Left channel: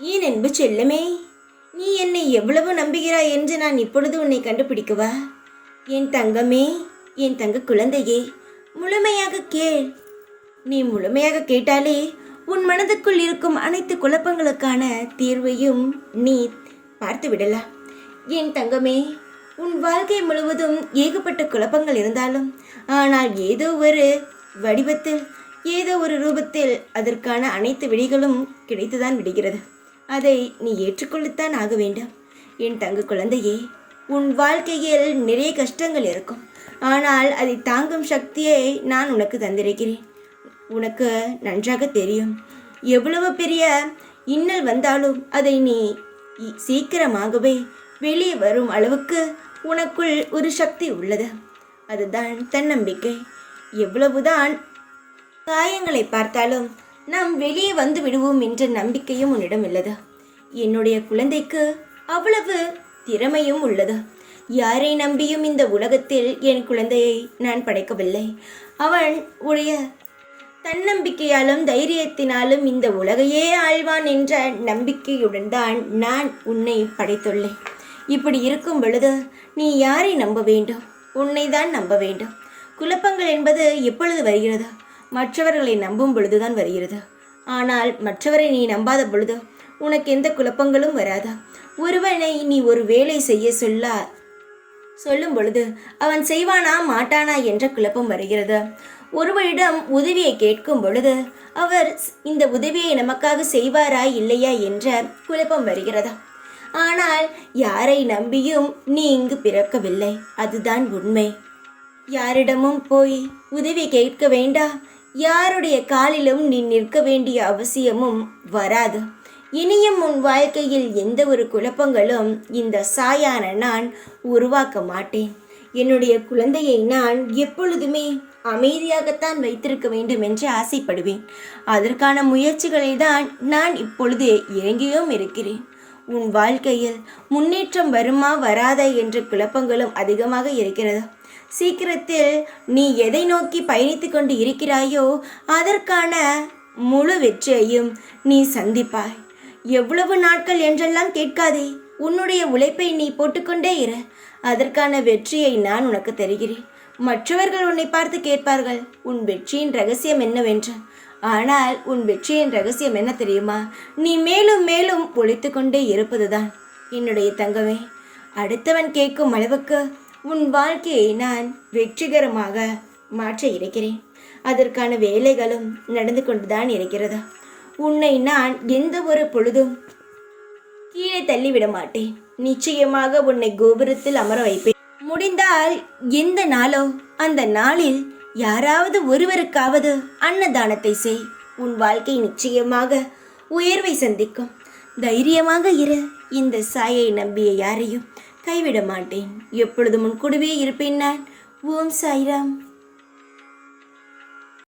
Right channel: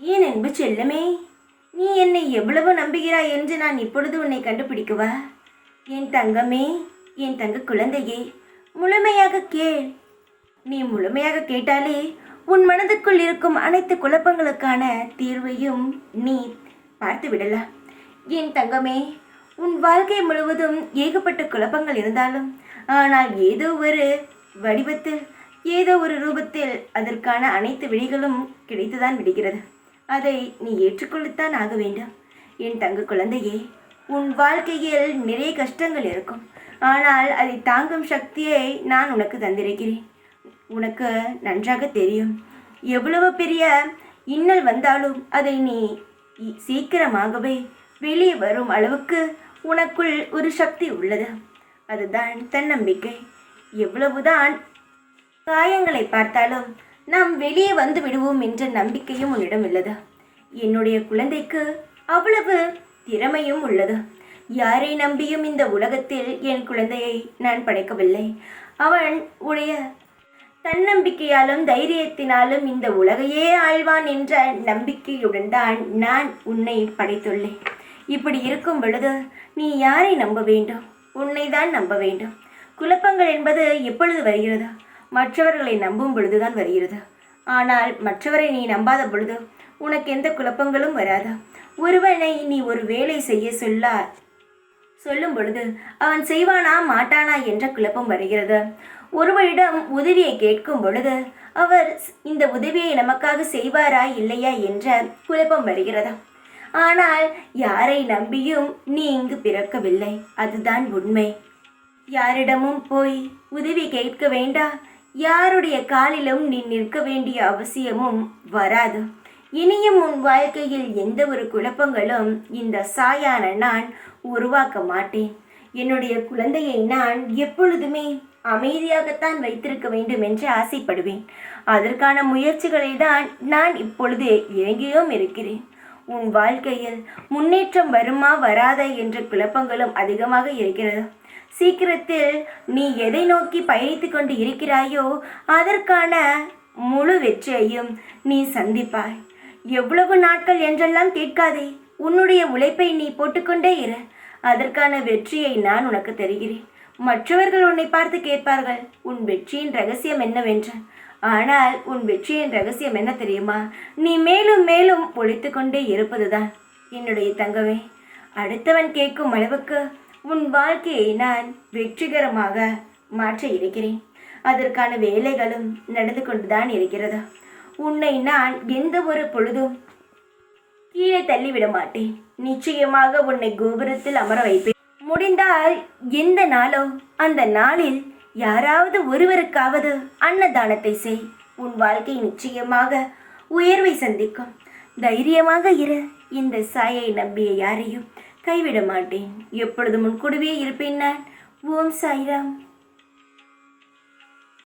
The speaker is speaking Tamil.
ஏன் அன்பு செல்லமே, நீ என்னை எவ்வளவு நம்புகிறாய் என்று நான் இப்பொழுது உன்னை கண்டுபிடிக்கவா? என் தங்கமே, என் தங்க குழந்தையே, முழுமையாக கேள். நீ முழுமையாக கேட்டாலே உன் மனதுக்குள் இருக்கும் அனைத்து குழப்பங்களுக்கான தீர்வையும் நீ பார்த்து விடலாம். என் தங்கமே, உன் வாழ்க்கை முழுவதும் ஏகப்பட்ட குழப்பங்கள் இருந்தாலும், ஆனால் ஏதோ ஒரு வடிவத்தில், ஏதோ ஒரு ரூபத்தில் அதற்கான அனைத்து விழிகளும் கிடைத்துதான் விடுகிறது. அதை நீ ஏற்றுக்கொள்ளத்தான் ஆக வேண்டும். என் தங்க குழந்தையே, உன் வாழ்க்கையில் நிறைய கஷ்டங்கள் இருக்கும். ஆனால் அதை தாங்கும் சக்தியை நான் உனக்கு தந்திருக்கிறேன். உனக்கு நன்றாக தெரியும், எவ்வளவு பெரிய இன்னல் வந்தாலும் அதை நீ சீக்கிரமாகவே வெளியே வரும் அளவுக்கு உனக்குள் ஒரு சக்தி உள்ளது. அதுதான் தன்னம்பிக்கை. எவ்வளவுதான் காயங்களை பார்த்தாலும் நாம் வெளியே வந்து விடுவோம் என்ற நம்பிக்கையும் உன்னிடம் உள்ளது. என்னுடைய குழந்தைக்கு அவ்வளவு திறமையும் உள்ளது. யாரை நம்பியும் இந்த உலகத்தில் என் குழந்தையை நான் படைக்கவில்லை. அவன் உடைய தன்னம்பிக்கையாலும் தைரியத்தினாலும் இந்த உலகையே ஆழ்வான் என்ற நம்பிக்கையுடன் தான் நான் உன்னை படைத்துள்ளேன். இப்படி இருக்கும் பொழுது நீ யாரை நம்ப வேண்டும்? உன்னை தான் நம்ப வேண்டும். குழப்பங்கள் என்பது எப்பொழுது வருகிறது? மற்றவர்களை நம்பும் பொழுதுதான் வருகிறது. ஆனால் மற்றவரை நீ நம்பாத பொழுது உனக்கு எந்த குழப்பங்களும் வராதா? ஒருவனை நீ ஒரு வேலை செய்ய சொல்லும் பொழுது அவன் செய்வானா மாட்டானா என்ற குழப்பம் வருகிறது. ஒருவரிடம் உதவியை கேட்கும் பொழுது அவர் இந்த உதவியை நமக்காக செய்வாரா இல்லையா என்ற குழப்பம் வருகிறதா? ஆனால் யாரை நம்பியும் நீ இங்கு பிறக்கவில்லை, அதுதான் உண்மை. யாரிடமும் போய் உதவி கேட்க வேண்டாம். யாருடைய காலிலும் நீ நிற்க வேண்டிய அவசியமும் வராது. இனியும் உன் வாழ்க்கையில் எந்த ஒரு குழப்பங்களும் இந்த சாயான நான் உருவாக்க மாட்டேன். என்னுடைய குழந்தையை நான் எப்பொழுதுமே அமைதியாகத்தான் வைத்திருக்க வேண்டும் என்று ஆசைப்படுவேன். அதற்கான முயற்சிகளை தான் நான் இப்பொழுது இறங்கியும் இருக்கிறேன். உன் வாழ்க்கையில் முன்னேற்றம் வருமா வராதா என்ற குழப்பங்களும் அதிகமாக இருக்கிறது. சீக்கிரத்தில் நீ எதை நோக்கி பயணித்து கொண்டு இருக்கிறாயோ அதற்கான முழு வெற்றியையும் நீ சந்திப்பாய். எவ்வளவு நாட்கள் என்றெல்லாம் கேட்காதே. உன்னுடைய உழைப்பை நீ போட்டுக்கொண்டே இரு. அதற்கான வெற்றியை நான் உனக்கு தருகிறேன். மற்றவர்கள் உன்னை பார்த்து கேட்பார்கள், உன் வெற்றியின் ரகசியம் என்னவென்று. ஆனால் உன் வெற்றியின் ரகசியம் என்ன தெரியுமா? நீ மேலும் மேலும் ஒழித்து கொண்டே இருப்பதுதான். என்னுடைய தங்கமே, அடுத்தவன் கேட்கும் அளவுக்கு உன் வாழ்க்கையை நான் வெற்றிகரமாக மாற்ற இருக்கிறேன். அதற்கான வேலைகளும் நடந்து கொண்டுதான் இருக்கிறது. உன்னை நான் எந்த ஒரு பொழுதும் கீழே தள்ளிவிட மாட்டேன். நிச்சயமாக உன்னை கோபுரத்தில் அமர வைப்பேன். முடிந்தால் எந்த நாளோ அந்த நாளில் யாராவது ஒருவருக்காவது அன்னதானத்தை செய். உன் வாழ்க்கை நிச்சயமாக உயர்வை சந்திக்கும். தைரியமாக இரு. இந்த சாயை நம்பிய யாரையும் கைவிட மாட்டேன். எப்பொழுதும் உன் கூடவே இருப்பேன் நான். ஓம் சாய்ராம்.